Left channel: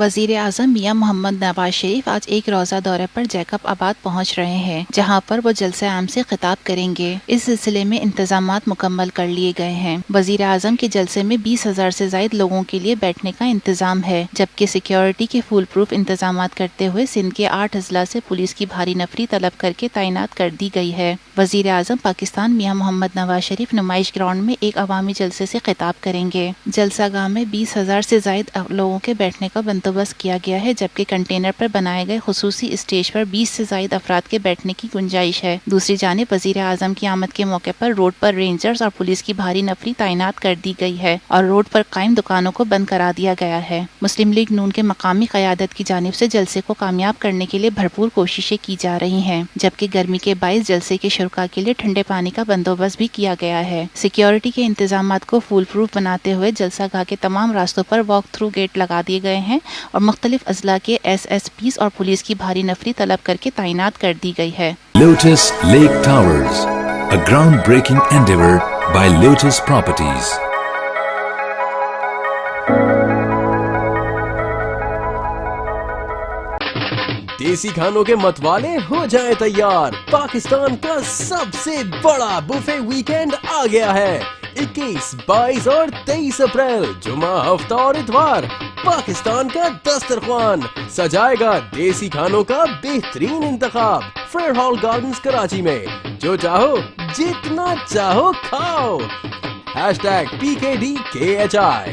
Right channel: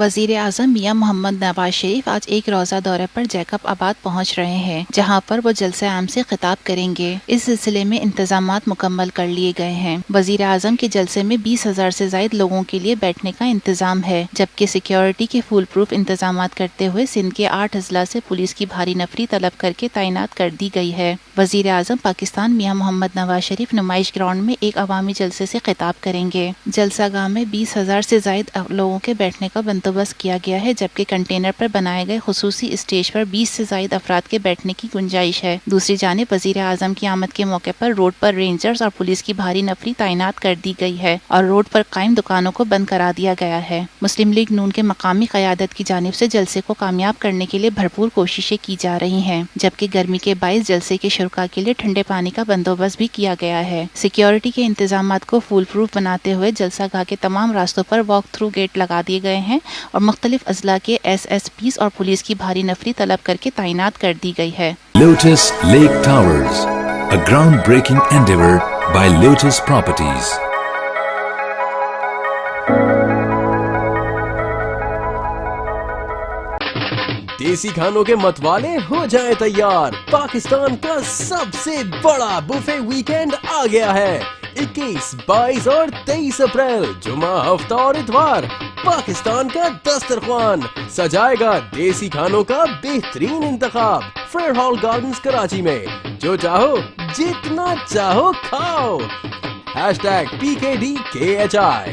वजीर आजम मियां मोहम्मद नवाज शरीफ आज एक रोज़ा दौरे पर जैकब आबाद पहुंच रहे हैं, जहां पर वो जलसे आम से खिताब करेंगे। इस सिलसिले में इंतजामात मुकम्मल कर लिए गए हैं। वजीर आजम के जलसे में 20,000 से ज्यादा लोगों के लिए बैठने का इंतजाम है, जबकि सिक्योरिटी के फुल प्रूफ इंतजामात करते हुए सिंध के 8 अजला से पुलिस की भारी नफरी तलब करके तैनात कर दी गई है। वजीर आजम पाकिस्तान मियां मोहम्मद नवाज शरीफ नुमाइश ग्राउंड में एक अवामी जलसे से खिताब करेंगे। जलसागाह में 20,000 से ज्यादा लोगों के बैठने का बंदोबस्त किया गया है, जबकि कंटेनर पर बनाए गए खुसूसी स्टेज पर 20 से ज्यादा अफराद के बैठने की गुंजाइश है। दूसरी जानिब वजीर आजम की आमद के मौके पर रोड पर रेंजर्स और पुलिस की भारी नफरी तैनात कर दी गई है और रोड पर कायम दुकानों को बंद करा दिया गया है। मुस्लिम लीग नून के मकामी क़यादत की जानिब से जलसे को कामयाब करने के लिए भरपूर कोशिशें की जा रही हैं, जबकि गर्मी के बाइस जलसे के शुरका के लिए ठंडे पानी का बंदोबस्त भी किया गया है। सिक्योरिटी के इंतजामात को फुल प्रूफ बनाते हुए जलसागाह के तमाम रास्तों पर वॉक थ्रू गेट लगा दिए गए हैं और मुख्तलिफ अजला के SSPs और पुलिस की भारी नफरी तलब करके तैनात कर दी गई है। Lotus lake towers, a groundbreaking endeavor by Lotus Properties. देसी खानों के मतवाले हो जाएं तैयार। पाकिस्तान का सबसे बड़ा बुफे वीकेंड आ गया है। 21, 22 और 23 अप्रैल जुमा, हफ्ता और इतवार पाकिस्तान का दस्तरख्वान सजाएगा देसी खानों का बेहतरीन इंतखाब फेयर हॉल गार्डन्स कराची में। जो चाहो जितना चाहो खाओ। #PKDKHI